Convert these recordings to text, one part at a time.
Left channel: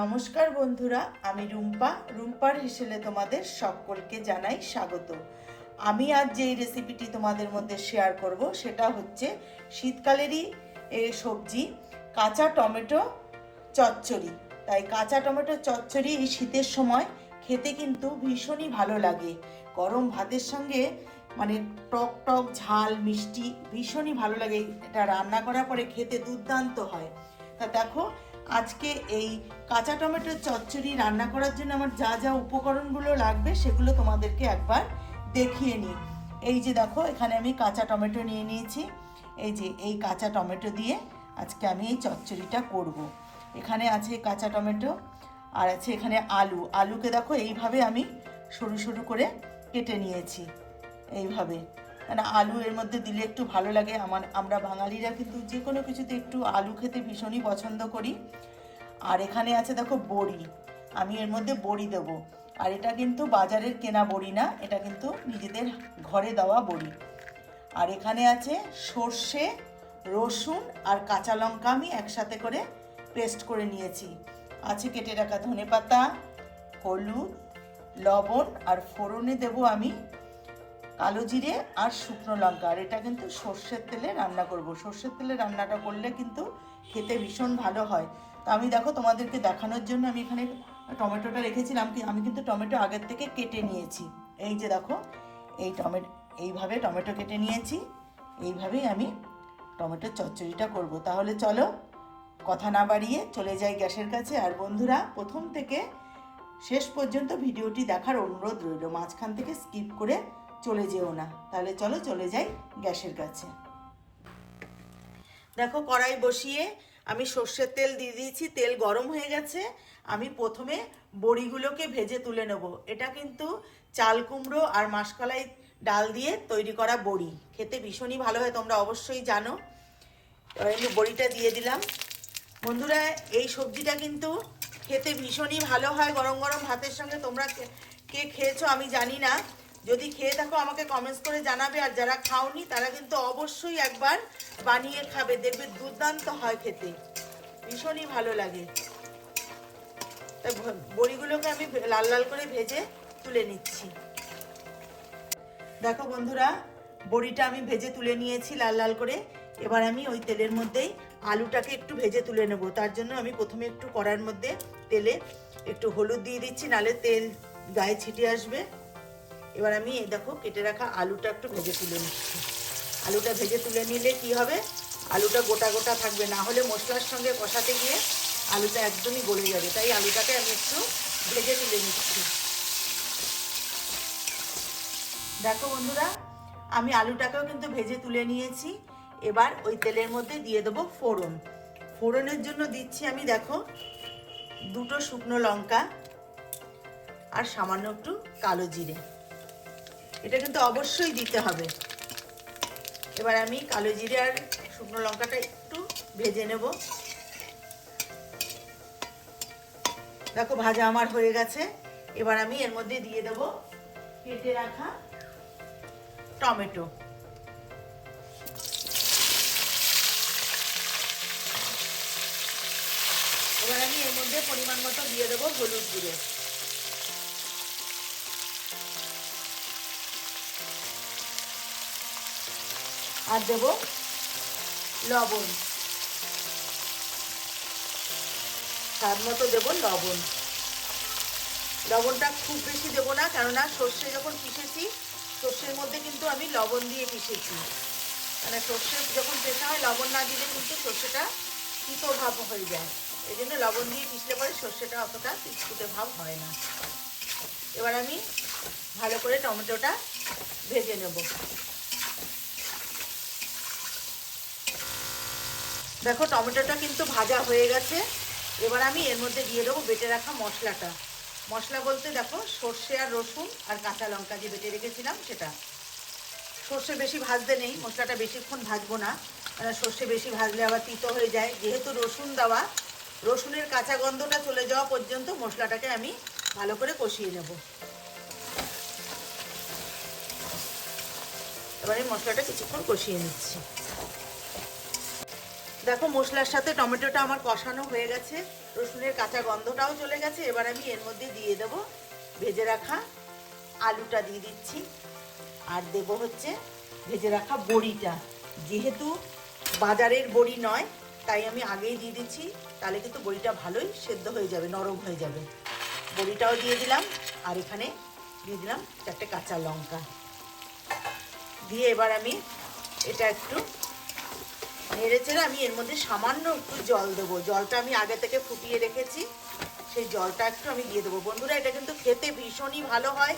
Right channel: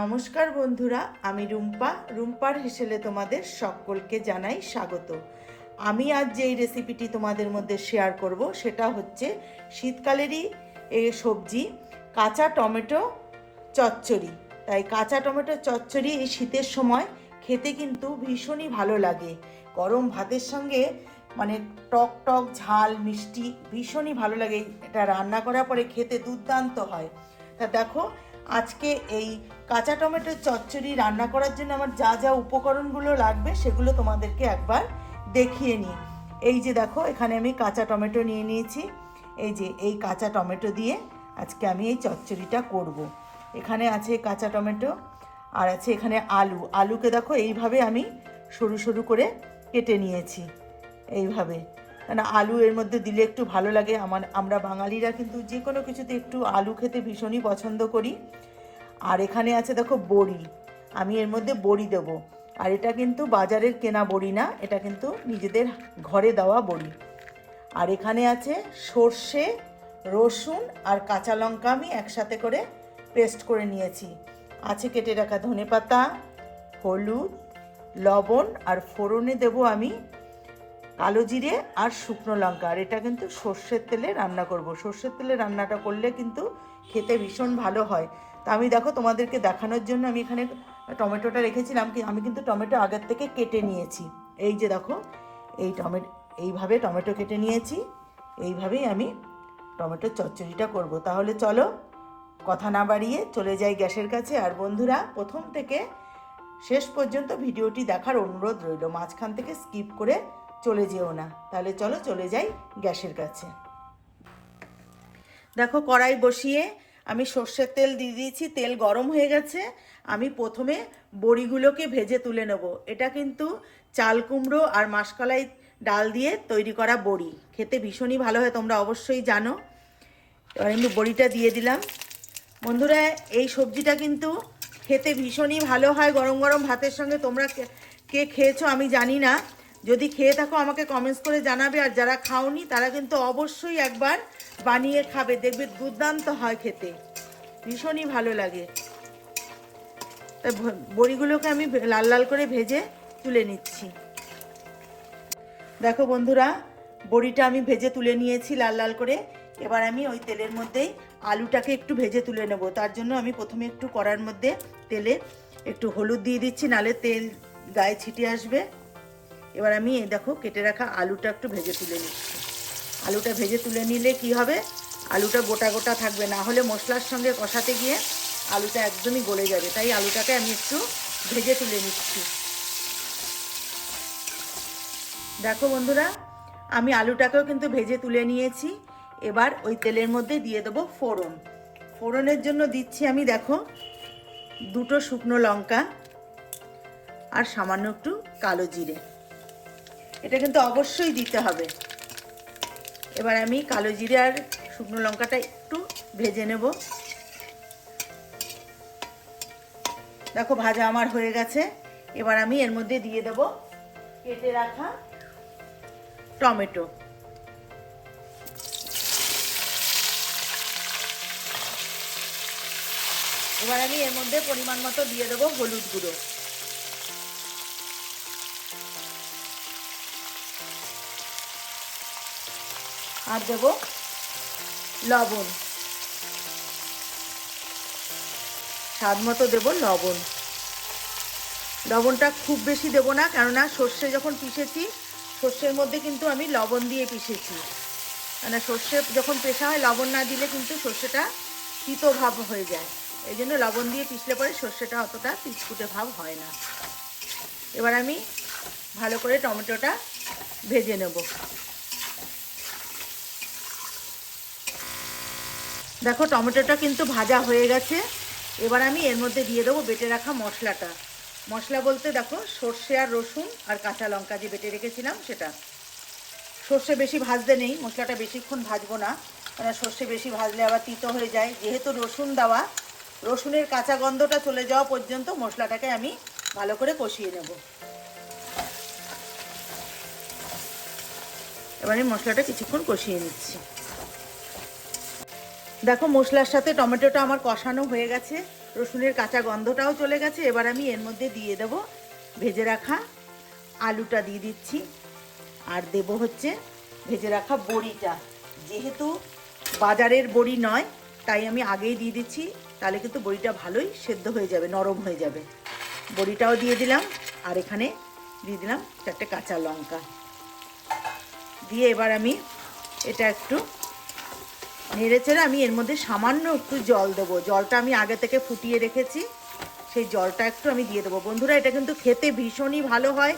নমস্কার বন্ধুরা, আমি রুম্পার হেসেলে তোমাদের সকলকে জানাই স্বাগত। আমি আজ যেই রেসিপিটি তোমাদের মধ্যে শেয়ার করব সেটা হচ্ছে শীতকালেরই সবজি কাঁচা টমেটো চচ্চড়ি। তাই কাঁচা টমেটো চচ্চড়ি এই শীতের সময় খেতে কিন্তু ভীষণই ভালো লাগে। গরম ভাতের সঙ্গে মানে টক টক ঝাল মিষ্টি ভীষণই ভালো লাগে। এটা রান্না করার পরে খেতে দুর্দান্ত হয়। তা দেখো, আজকে এই কাঁচা টমেটোর চচ্চড়ি রান্না করার জন্য আমার যা যা উপকরণগুলো লাগবে সেগুলো তোমাদেরকে একবার দেখিয়ে নিই। এই যে দেখো, এখানে আমি কাঁচা টমেটো নিয়ে নিয়েছি। এই যে এই কাঁচা টমেটো দিয়ে আজকে আমি এই চচ্চড়িটা করব। এখানে আছে কাঁচা টমেটো আর আছে এখানে আলুকে দেখো এইভাবে আমি সরু সরু করে কেটে নিয়েছি এইভাবে। মানে আলু এর মধ্যে দিলে একটু ভালো লাগে। আমরা বাঙালিরা কিন্তু যে কোনো কিছুতে একটু আলু খেতে ভীষণই পছন্দ করি। আর এখানে আছে দেখো বড়ি, আমি এর মধ্যে বড়ি দেব। আর এটা কিন্তু বাজারের কেনা বড়ি না, এটা কিন্তু নিজেদের ঘরে দেওয়া বড়ি। আর এখানে আছে সর্ষে, রসুন আর কাঁচা লঙ্কা আমি একসাথে করে পেস্ট করে নিয়েছি। আছে কেটে রাখা ধনেপাতা, হলুদ, লবণ আর ফোড়নে দেব আমি কালো জিরে আর শুকনো লঙ্কা। আর এটা কিন্তু সর্ষের তেলে রান্না করব। সর্ষের তেলে রান্নাটা করলে কিন্তু খেতে ভীষণ ভালো হয়। তা আমি দেখো তোমাদেরকে দেখানোর জন্য আমি এখানে টমেটোটা রেখেছিলাম, আমি কিন্তু টমেটো আগের থেকে কেটে নিয়েছি। এই যে দেখো, এইভাবে টমেটো কেটে নিয়েছি। এইভাবেই আমি টমেটোর চচ্চড়িটা করব। তাহলে চলো কথা না বাড়িয়ে চলে যাই গ্যাসের কাছে। আর বন্ধুরা, প্রথম থেকে শেষ পর্যন্ত ভিডিওটি দেখার অনুরোধ রইল, মাঝখান থেকে স্কিপ করে চলে যেও না। তাহলে চলো চলে যাই গ্যাসের কাছে। দেখো, কড়াই বসিয়ে আমি সর্ষের তেল দিয়ে দিয়েছি। তেল গরম হয়ে গেছে। আমি প্রথমে বড়িগুলোকে ভেজে তুলে নেব। এটা কিন্তু চাল কুমড়ো আর মাসকলাই ডাল দিয়ে তৈরি করা বড়ি, খেতে ভীষণই ভালো হয়, তোমরা অবশ্যই জানো। এবার আমি বড়িটা দিয়ে দিলাম। বন্ধুরা, এই সবজিটা কিন্তু খেতে ভীষণই ভালো হয় গরম গরম ভাতের সঙ্গে। তোমরা কে খেয়েছো আমি জানি না, যদি খেয়ে থাকো আমাকে কমেন্টস করে জানাবে। আর যারা খাওনি তারা কিন্তু অবশ্যই একবার বানিয়ে খাবে, দেখবে দুর্দান্ত হয় খেতে, ভীষণই ভালো লাগে। তা বড়িগুলোকে আমি লাল লাল করে ভেজে তুলে নিচ্ছি। দেখো বন্ধুরা, বড়িটা আমি ভেজে তুলে নিয়েছি লাল লাল করে। এবার আমি ওই তেলের মধ্যেই আলুটাকে একটু ভেজে তুলে নেব। তার জন্য আমি প্রথমে একটু কড়ার মধ্যে তেলে একটু হলুদ দিয়ে দিচ্ছি, নালে তেল গায়ে ছিটে আসবে। এবার আমি দেখো কেটে রাখা আলুটা একটু ভেজে তুলে নিচ্ছি। আলুটা ভেজে তুলে নিলে কি হবে, আলুটা গোটা গোটা থাকবে, না হলে মশলার সঙ্গে কষাতে গিয়ে আলুটা একদমই গলে যাবে। তাই আলুটাকে আমি একটু ভেজে তুলে নিচ্ছি। দেখো বন্ধুরা, আমি আলুটাকেও কিন্তু ভেজে তুলে নিয়েছি। এবার ওই তেলের মধ্যে দিয়ে দেবো ফোড়ন। ফোড়নের জন্য দিচ্ছি আমি দেখো দুটো শুকনো লঙ্কা আর সামান্য একটু কালো জিরে। এটা কিন্তু অবশ্যই দিতে হবে। এবার আমি কালো জিরে আর শুকনো লঙ্কাটা একটু ভেজে নেব। দেখো ভাজা আমার হয়ে গেছে। এবার আমি এর মধ্যে দিয়ে দেব কেটে রাখা টমেটো। এবার আমি এর মধ্যে পরিমাণ মতো দিয়ে দেবো হলুদ গুঁড়ো। আর দেবো লবণ, স্বাদ মতো দেবো লবণ। লবণটা খুব বেশি দেবো না, কেননা সর্ষে যখন পিষেছি সর্ষের মধ্যে কিন্তু আমি লবণ দিয়ে পিষেছি। মানে সর্ষে যখন পেষা হয় লবণ না দিলে কিন্তু সর্ষেটা তিতো ভাব হয়ে যায়। এই জন্য লবণ দিয়ে পিষলে পরে সর্ষেটা অতটা তিতকুটে ভাব হয় না। এবার আমি ভালো করে টমেটোটা ভেজে নেব। দেখো টমেটোটা কিন্তু ভাজা হয়ে গেছে। এবার আমি এর মধ্যে দিয়ে দেবো বেটে রাখা মশলাটা। মশলা বলতে দেখো সর্ষে আর রসুন আর কাঁচা লঙ্কা যে বেটে রেখেছিলাম সেটা। সর্ষে বেশি ভাজতে নেই, মশলাটা বেশিক্ষণ ভাজবো না, কারণ সর্ষে বেশি ভাজলে আবার তিতো হয়ে যায়। যেহেতু রসুন দেওয়া, রসুনের কাঁচা গন্ধটা চলে যাওয়া পর্যন্ত মশলাটাকে আমি ভালো করে কষিয়ে নেব। এবারে মশলাটা কিছুক্ষণ কষিয়ে নিচ্ছি। দেখো মশলার সাথে টমেটোটা আমার কষানো হয়ে গেছে। রসুনের কাঁচা গন্ধটাও চলে গেছে। এবার আমি এর মধ্যে দিয়ে দেবো ভেজে রাখা আলুটা দিয়ে দিচ্ছি, আর দেব হচ্ছে ভেজে রাখা বড়িটা। যেহেতু বাজারের বড়ি নয় তাই আমি আগেই দিয়ে দিচ্ছি, তাহলে কিন্তু বড়িটা ভালোই সেদ্ধ হয়ে যাবে, নরম হয়ে যাবে। বড়িটাও দিয়ে দিলাম, আর এখানে দিয়ে দিলাম 4টে কাঁচা লঙ্কা দিয়ে এবার আমি এটা একটু নেড়ে চেড়ে আমি এর মধ্যে সামান্য একটু জল দেবো। জলটা আমি আগে থেকে ফুটিয়ে রেখেছি, সেই জলটা একটু আমি দিয়ে দেবো। বন্ধুরা, এটা কিন্তু খেতে ভীষণই ভালো হয়।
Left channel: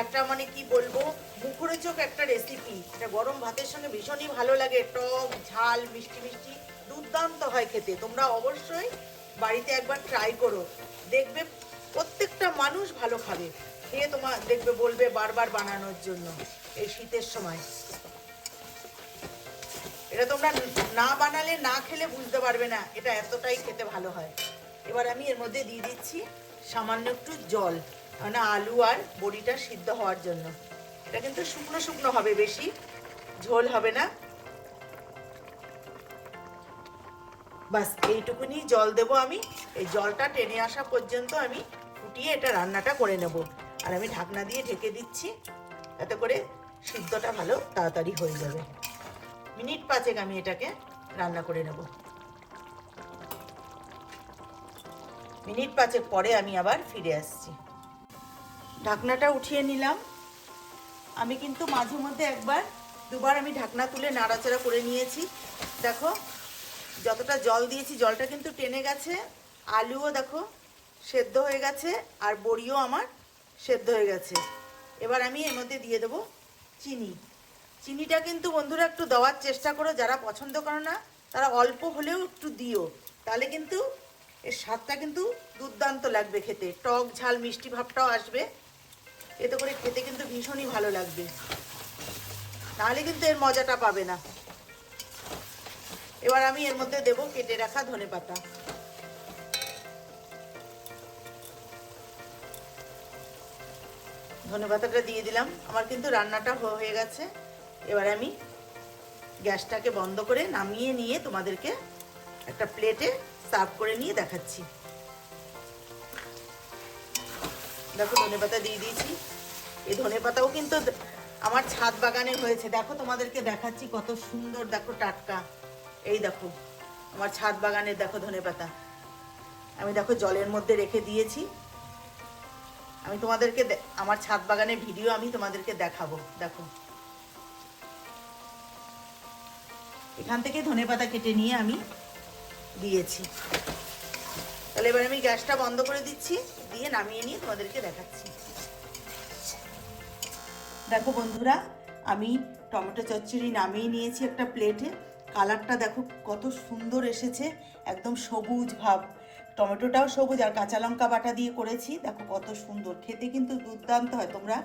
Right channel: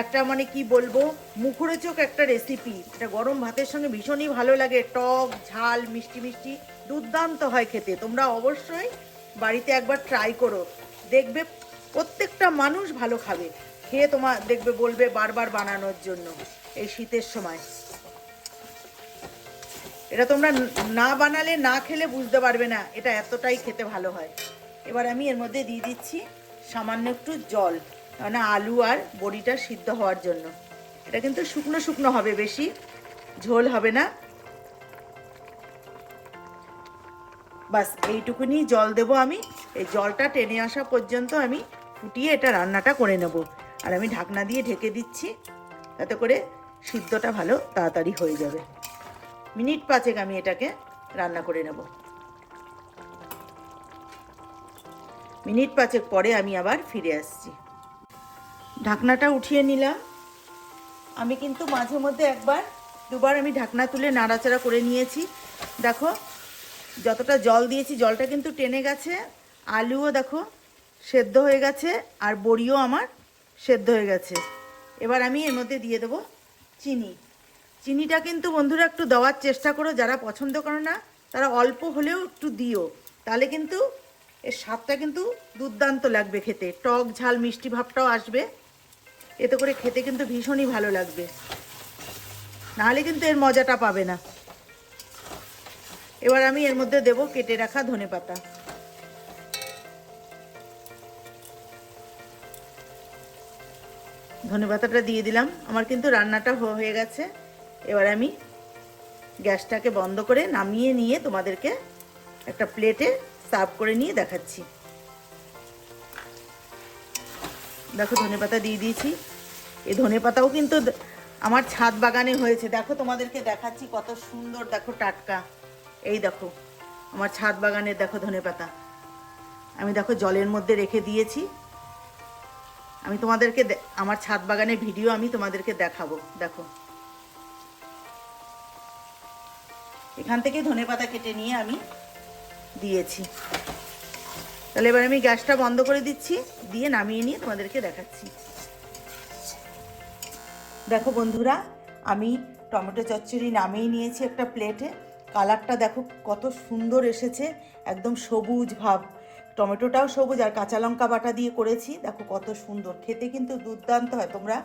একটা মানে কি বলবো, মুখরোচক একটা রেসিপি। এটা গরম ভাতের সঙ্গে ভীষণই ভালো লাগে, টক ঝাল মিষ্টি মিষ্টি দুর্দান্ত হয় খেতে। তোমরা অবশ্যই বাড়িতে একবার ট্রাই করো, দেখবে প্রত্যেকটা মানুষ ভালো খাবে। খেয়ে তোমার দেখবে বলবে বারবার বানানোর জন্য। এই শীতের সময় এটা তোমরা না বানালে না খেলে বুঝতে পারবে না এটা এতটাই খেতে ভালো হয়। এবার আমি এর মধ্যে দিয়ে দিচ্ছি সামান্য একটু জল, কারণ আলু আর বড়িটা সিদ্ধ হওয়ার জন্য। এটা কিন্তু শুকনো শুকনো হবে, বেশি ঝোল হবে না। বাস এইটুকুনি জল দেব আমি। এই জলটা টেনে আসা পর্যন্ত আমি ফুটিয়ে এটা রান্নাটা করে নেব। আর আমি ঢাকনা দিয়ে ঢেকে দিচ্ছি, তাতে করে সিদ্ধটা ভালো তাড়াতাড়ি হয়ে যাবে। মিনিট 5 আমি এটাকে রান্না করে নেব। মিনিট 5 পরে আমি আবার ফিরে আসছি। ঢাকনাটা উঠিয়ে নিলাম। আমি কিন্তু মাঝে মধ্যে একবার দুবার আমি ঢাকনা তুলে নাড়াচাড়া করে নিয়েছি। দেখো যতটা জল দিয়েছি জলটা কিন্তু টেনে গেছে, আলুও দেখো সেদ্ধ হয়ে গেছে, আর বড়িও আমার সেদ্ধ হয়ে গেছে। এবার আমি এর মধ্যে দিয়ে দেবো চিনি। চিনিটা কিন্তু বন্ধুরা একটু দেওয়ার চেষ্টা করো, যারা পছন্দ করো না তারা অল্প হলেও একটু দিও, তাহলে কিন্তু এর স্বাদটা কিন্তু দুর্দান্ত লাগবে খেতে। টক ঝাল মিষ্টি ভাবটাও আসবে, এতে করে খেতে কিন্তু ভীষণই ভালো লাগবে, নাহলে কিন্তু এর মজাটা পাবে না। এবার আমি এর মধ্যে দেব কেটে রাখা ধনেপাতা। ধনেপাতাটা দিয়ে দিলাম। আমার কিন্তু রান্নাটা হয়ে গেছে। এবার আমি গ্যাসটাকে বন্ধ করে নামিয়ে নিয়ে তোমাদেরকে একটা প্লেটে সার্ভ করে নিয়ে দেখাচ্ছি। দেখো ধনেপাতা দিয়ে দিয়েছি। এই ধনেপাতাও কিন্তু আমার ছাদ বাগানে হয়েছে। দেখো তোমাদেরকে দেখাচ্ছি কত সুন্দর, দেখো টাটকা। এই দেখো আমার ছাদ বাগানে দেখো ধনেপাতা আমি দেখো জলের মধ্যে রেখে দিয়েছি। আমি তোমাদেরকে আমার ছাদ বাগানের ভিডিও আমি তোমাদেরকে দেখাবো। দেখো এখান থেকে ধনেপাতা কেটে নিয়ে আমি দিয়েছি। তাহলে এবার আমি গ্যাসটা বন্ধ করে দিচ্ছি, দিয়ে নামিয়ে নিয়ে তোমাদেরকে দেখাচ্ছি। দেখো বন্ধুরা, আমি টমেটো চচ্চড়ি নামিয়ে নিয়েছি একটা প্লেটে। কালারটা দেখো কত সুন্দর এসেছে, একদম সবুজ ভাব। টমেটোটাও সবুজ, আর কাঁচা লঙ্কা বাটা দিয়ে করেছি। দেখো কত সুন্দর খেতে, কিন্তু দুর্দান্ত হয়। তোমরা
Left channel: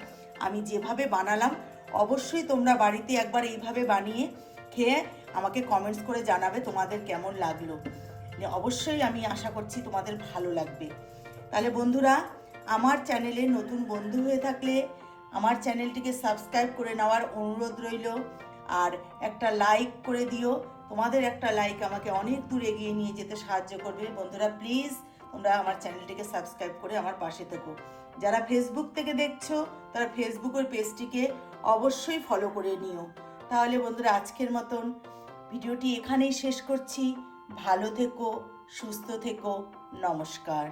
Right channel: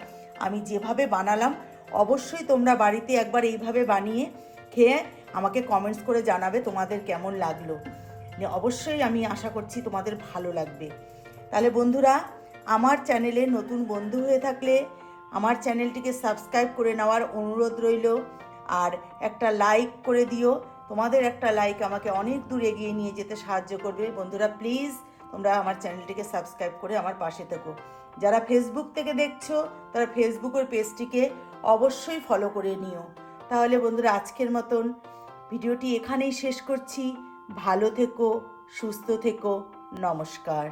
আমি যেভাবে বানালাম অবশ্যই তোমরা বাড়িতে একবার এইভাবে বানিয়ে খেয়ে আমাকে কমেন্টস করে জানাবে তোমাদের কেমন লাগলো। অবশ্যই আমি আশা করছি তোমাদের ভালো লাগবে। তাহলে বন্ধুরা, আমার চ্যানেলে নতুন বন্ধু হয়ে থাকলে আমার চ্যানেলটিকে সাবস্ক্রাইব করে নেওয়ার অনুরোধ রইল, আর একটা লাইক করে দিও। তোমাদের একটা লাইক আমাকে অনেক দূর এগিয়ে নিয়ে যেতে সাহায্য করবে। বন্ধুরা প্লিজ তোমরা আমার চ্যানেলটিকে সাবস্ক্রাইব করে আমার পাশে থেকো। যারা ফেসবুক থেকে দেখছো তারা ফেসবুকের পেজটিকে অবশ্যই ফলো করে নিও। তাহলে বন্ধুরা আজকের মতন ভিডিওটি এখানেই শেষ করছি। ভালো থেকো, সুস্থ থেকো, নমস্কার।